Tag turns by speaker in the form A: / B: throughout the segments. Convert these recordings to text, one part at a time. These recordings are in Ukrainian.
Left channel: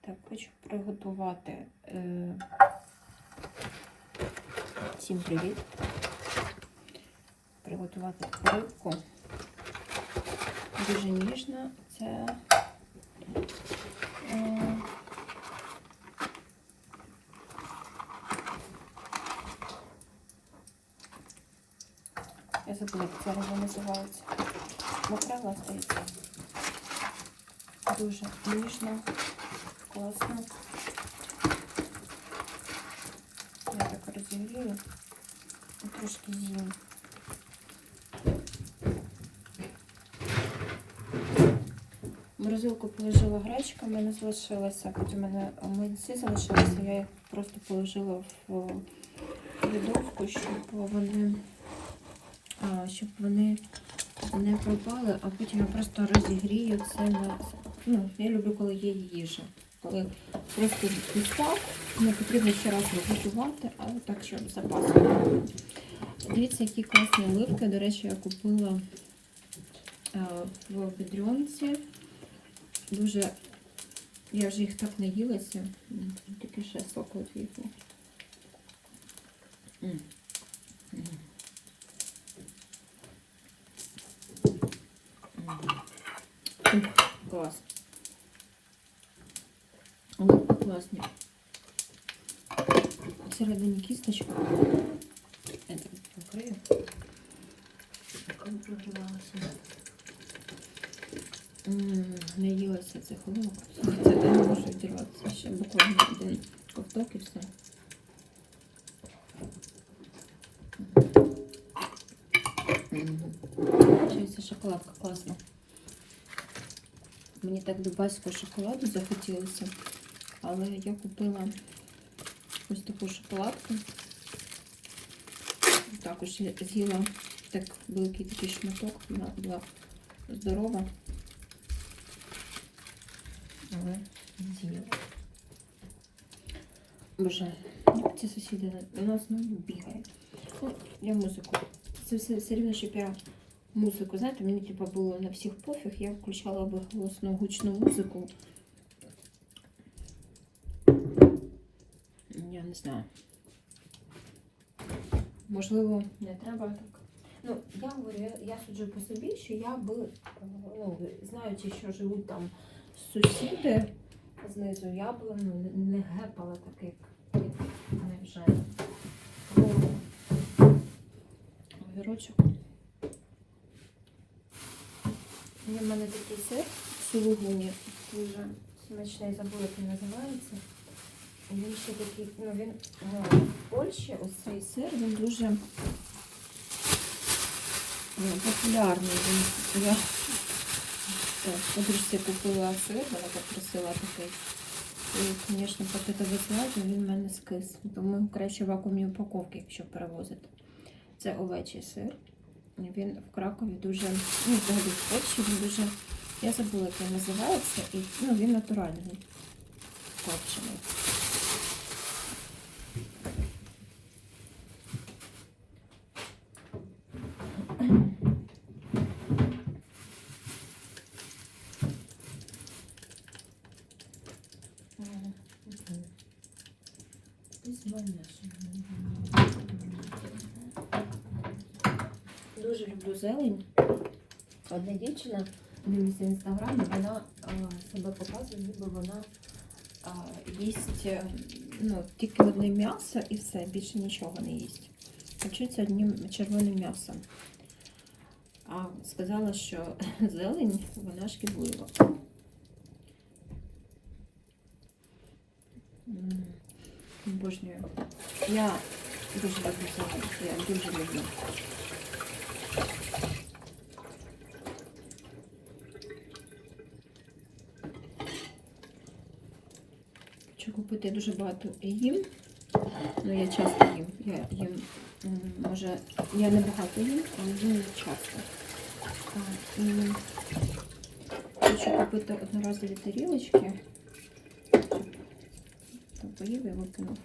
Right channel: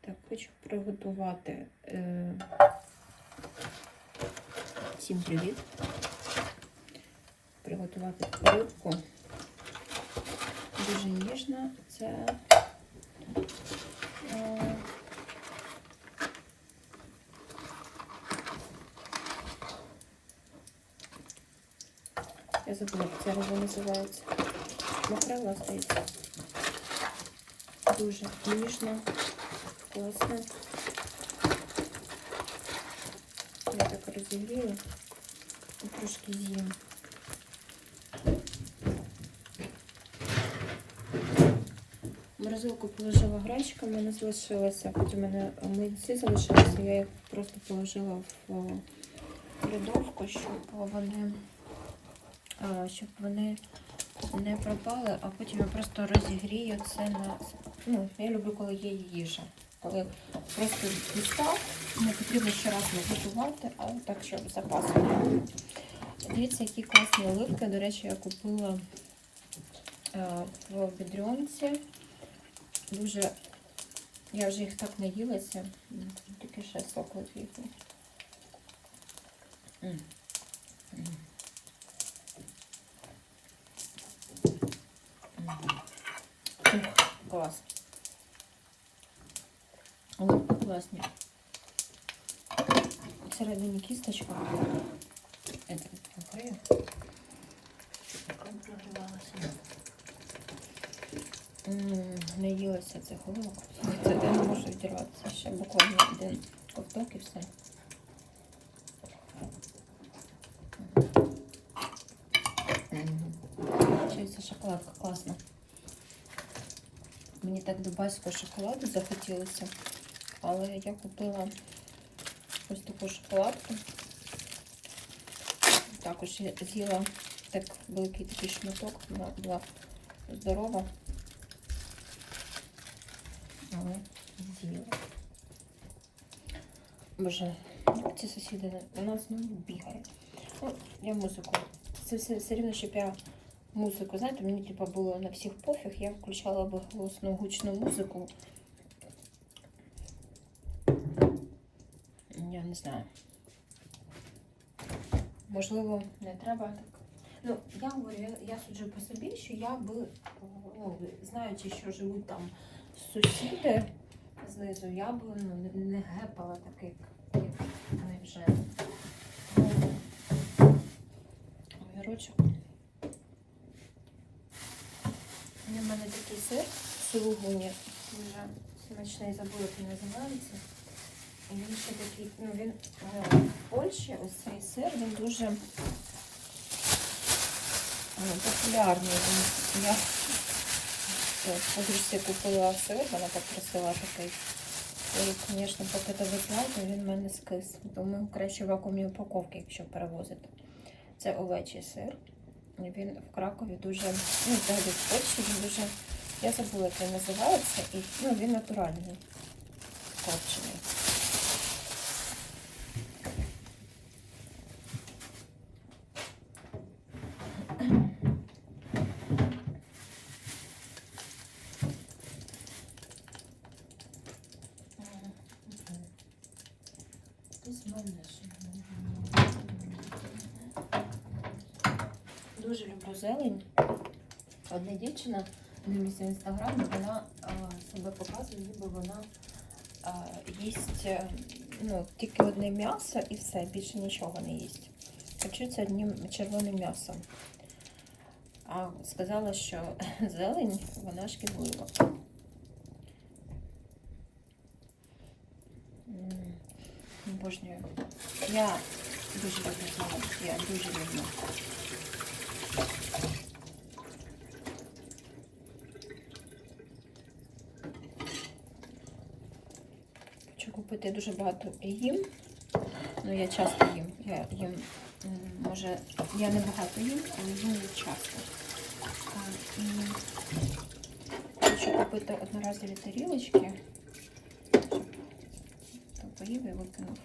A: Так, хочу приготувати. Всім привіт. Приготувати рибку. Дуже ніжна. Це Я забула, як риба називається. Макрела, здається. Дуже ніжна, класна. Я так розігрію і трошки з'їм. Морозилку положила гречка, в мене залишилася, потім в мене млинці залишилися, я їх просто положила в рядовку, щоб вони, щоб вони не пропали, а потім я просто розігрію це на. Ну, я люблю, коли є їжа. Коли просто дістав, не потрібно ще раз готувати, але так, щоб запасом. Дивіться, які класні оливки. До речі, я купила е, в бідрюнці. Дуже, я вже їх так наїлася. Тільки ще сок от віку. Клас. Оливки класні. Всередині кісточка. Я так покрию. М, Наїлася цих оливок. Це я не можу відірватися. Ще буквально один ковток і все. Чується шоколадка класна. Мені так дубайського шоколаду захотілося. Але я купила ось таку шоколадку. Також я з'їла так великий такий шматок, вона була здорова. Але з'їла. Боже, ці сусіди у нас знову бігають. Ну, я музику. Це все, все рівно, щоб я музику, знаєте, мені типу, було на всіх пофіг, я включала би голосну гучну музику. Я не знаю. Можливо, не треба так. Ну, я говорю, я, суджу по собі, що я би, ну, знаючи, що живуть там сусіди знизу, я би ну, не гепала таких, як вже. Огірочок. Він в мене такий сир сулугуні, дуже смачний, забула, як називається. Він ще такий, ну він е, в Польщі, ось цей сир, він дуже е, популярний. Він, я подружці купила сир, вона попросила такий. І, звісно, поки ти ви знаєте, він в мене скис. Тому краще в вакуумній упаковці, якщо перевозити. Це овечий сир. Він в Кракові дуже, ну, взагалі в Польщі він дуже, я забула, як він називається, і ну, він натуральний, копчений. Дуже люблю зелень. Одна дівчина дивлюся інстаграмі, вона а, себе показує, ніби вона а, їсть е, ну, тільки одне м'ясо і все, більше нічого не їсть. Харчується одним червоним м'ясом. А сказала, що зелень вона шкідлива. Обожнюю. Я дуже люблю зелень. Я дуже люблю. Купити дуже багато їм. Ну, я часто їм. Я їм, може, я не багато їм, а їм часто. І хочу купити одноразові тарілочки. То поїв я викинув.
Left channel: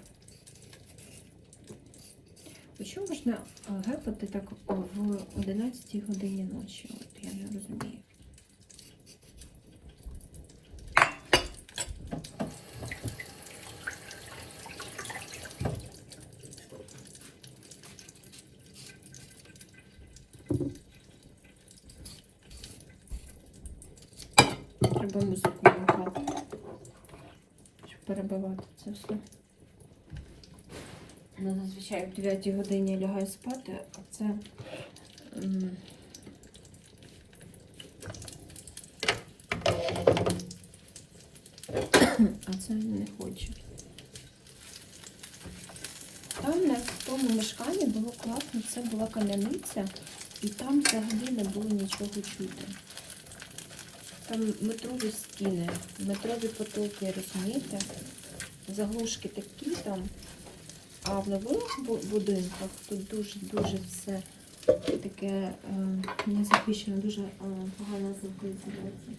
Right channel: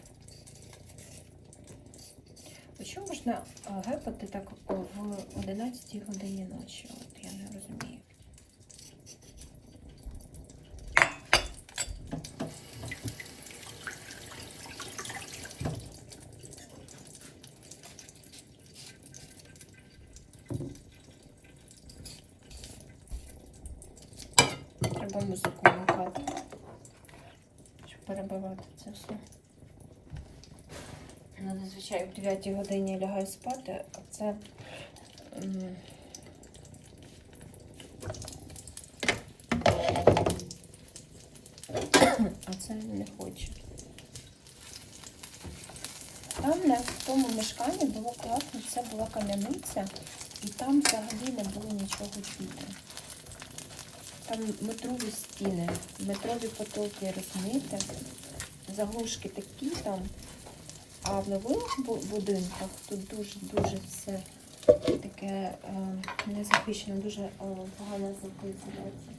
A: Що можна а, гепати так в 11 годині ночі? От я не розумію. Треба музику вмикати, щоб перебивати це все. Ну, зазвичай в 9 годині лягаю спати, а це. А це не хочу. Там на тому мешканні було класно, це була кам'яниця, і там взагалі не було нічого чути. Там метрові стіни, метрові потоки, розумієте? Заглушки такі там. А в нових будинках тут дуже-дуже все таке е, незахищено, дуже е, погана звукоізоляція.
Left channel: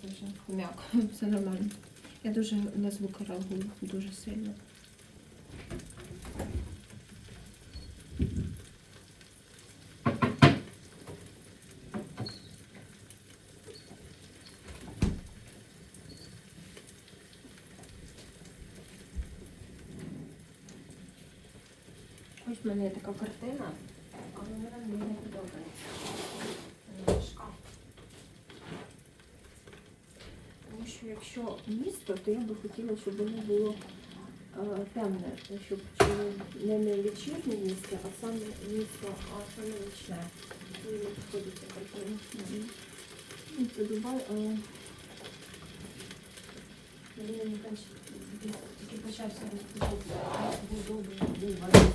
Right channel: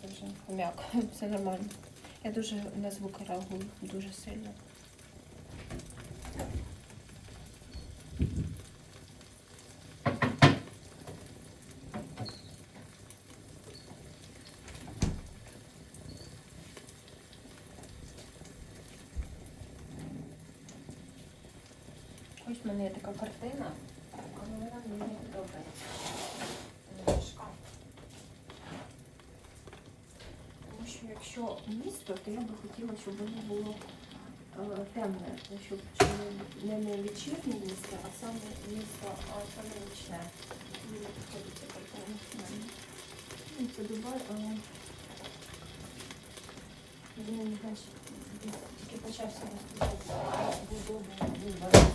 A: Це вже все нормально. Я дуже на звуки реагую, дуже сильно. Ось в мене є така картина, але вона мені не подобається. Тому що якщо місто, то я би хотіла, щоб воно було е, темне, щоб не не вечірнє місто, а саме місто, а саме нічне. І не підходить ця картина. Ну, Це Дубай, але він почався розповідати. Добре, він бавився.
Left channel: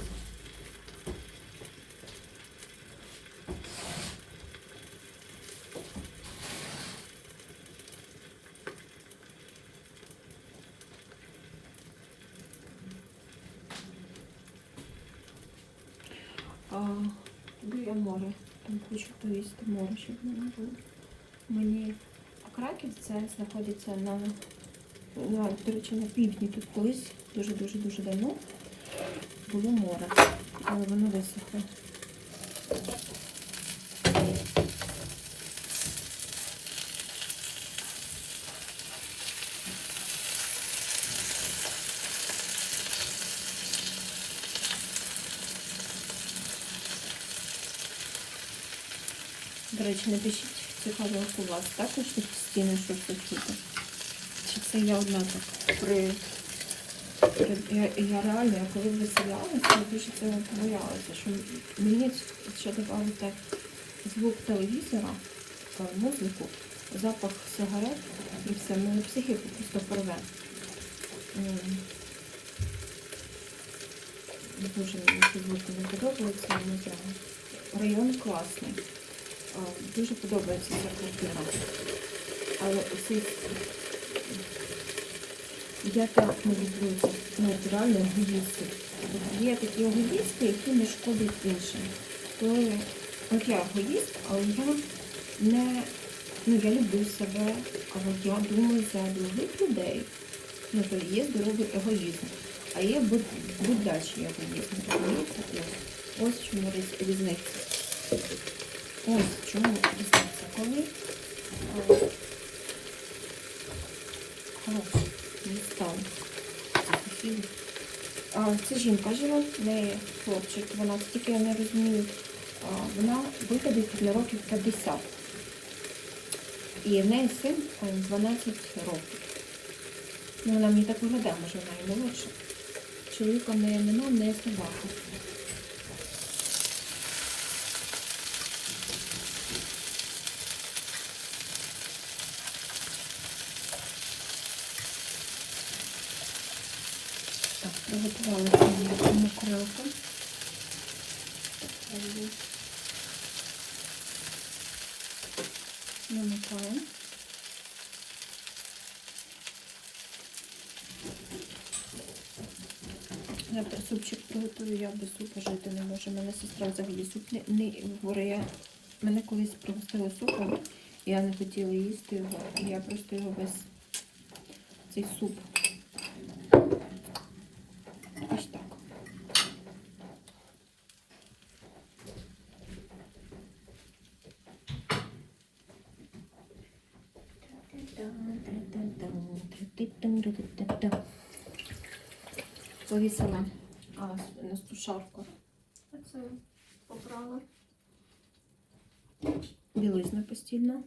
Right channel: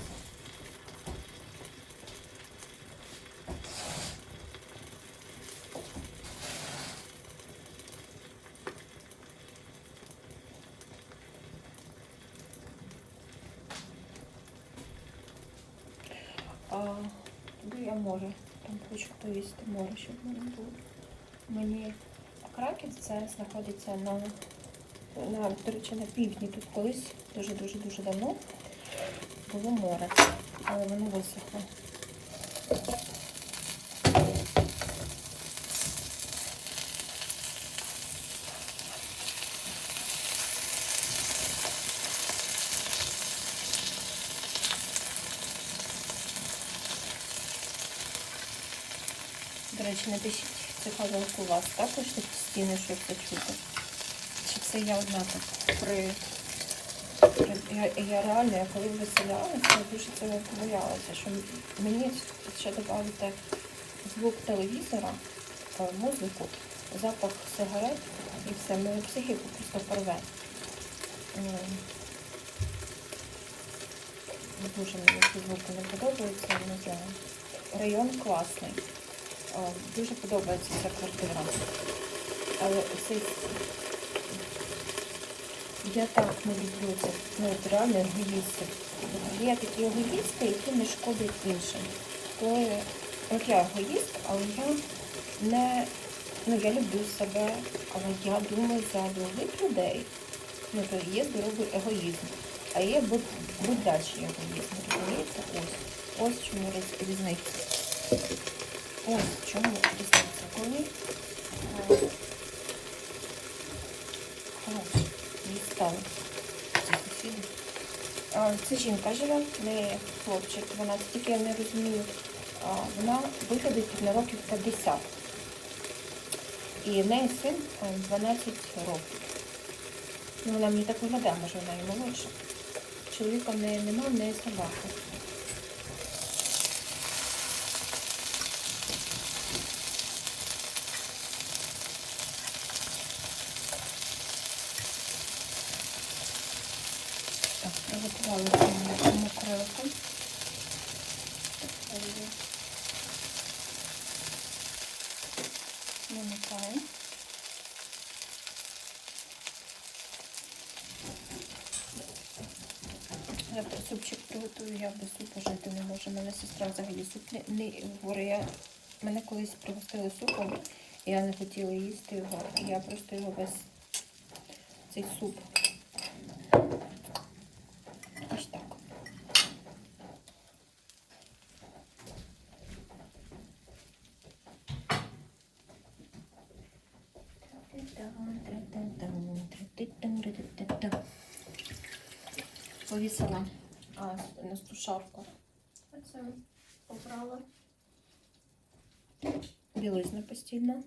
A: А, туди я море. Там хочу повісти море, щоб в мене було. Мені а Краків це знаходиться на, на, до речі, на півдні. Тут колись дуже-дуже дуже давно було море, але воно висохло. До речі, напишіть, цікаво, як у вас також стіни щось чути. Чи це я одна так при. Я, я реально, я коли виселялася, я дуже цього боялася, що мені ще додати звук телевізора, музику, запах сигарет і все, мою психіку просто порве. Дуже мені ці звуки не подобаються, не знаю. Район класний. Дуже подобається ця квартира. Але цей... Я так не люблю це. Ну, реально егоїсти. Є такі егоїсти, які не шкодять іншим. Коли от я егоїст, але я не ну, я люблю себе, але я думаю за других людей. Ну, то є здоровий егоїзм. А є буд- будячий егоїзм. Розумієте? Ось. Ось чому різниця. В чому різниця. Коли а, хорош, не стало. Це жінка живе, в неї хлопчик 12, тільки я не розумію. Вона виходить на років 50. І в неї син 12 років. Ну, вона мені так виглядає, може вона і молодша. Чоловіка в неї нема, в неї собака. Приготували цьому крилку. Намикаю. Я супчик приготую, я без супа жити не можу. Мене сестра взагалі суп не, не. Я, мене колись пригостили супом, і я не хотіла їсти його. Я просто його без цей суп. Ось так. Повісила а, на сушавку. Оце побрала. Білизна постійно.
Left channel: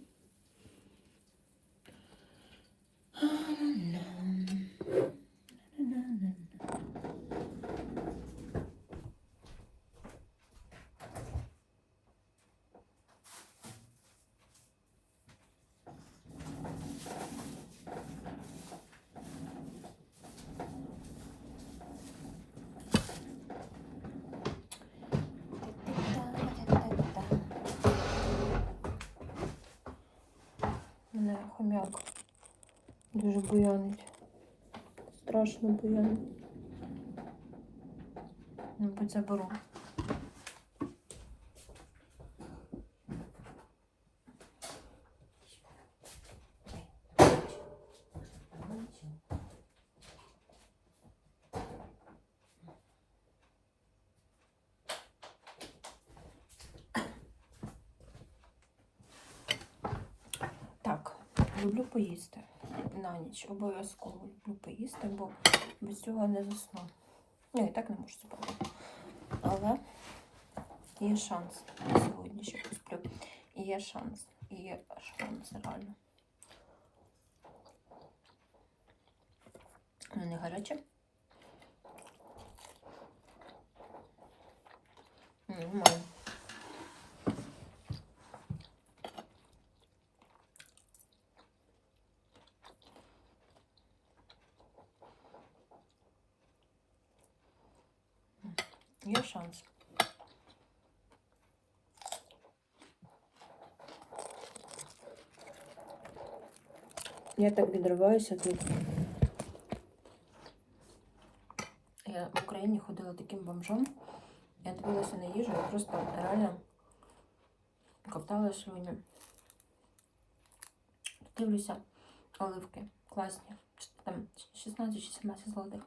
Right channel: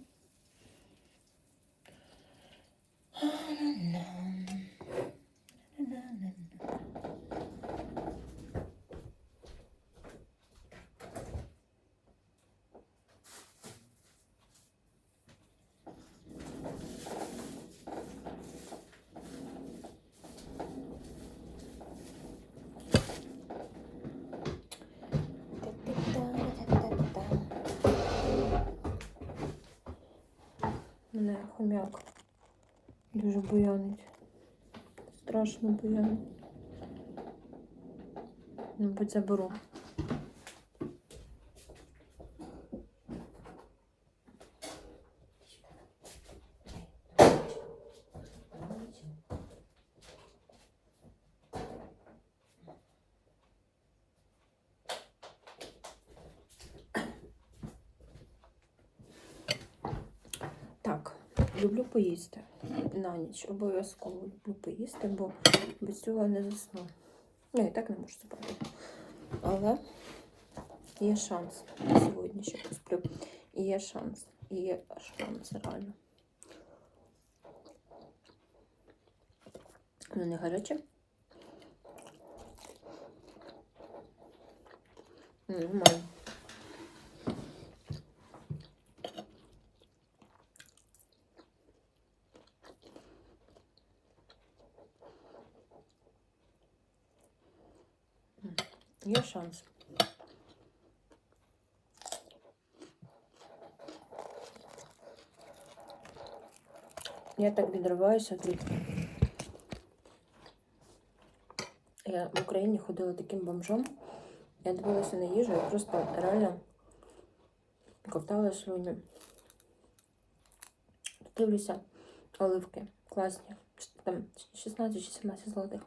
A: Мене хомяк дуже буянить. Страшно буянить. Мабуть, заберу. Так, люблю поїсти на ніч. Обов'язково люблю поїсти, бо без цього не засну. Ну, і так не можу спати. Але є шанс сьогодні, що посплю. І є шанс. І є шанс, реально. Воно не гаряче. Нормально. Є шанс. Я так відриваюся тут. Я в Україні ходила таким бомжом. Я дивилася на їжу і просто реально ковтала слюні. Дивлюся, оливки класні. Там 16 чи 17 золотих.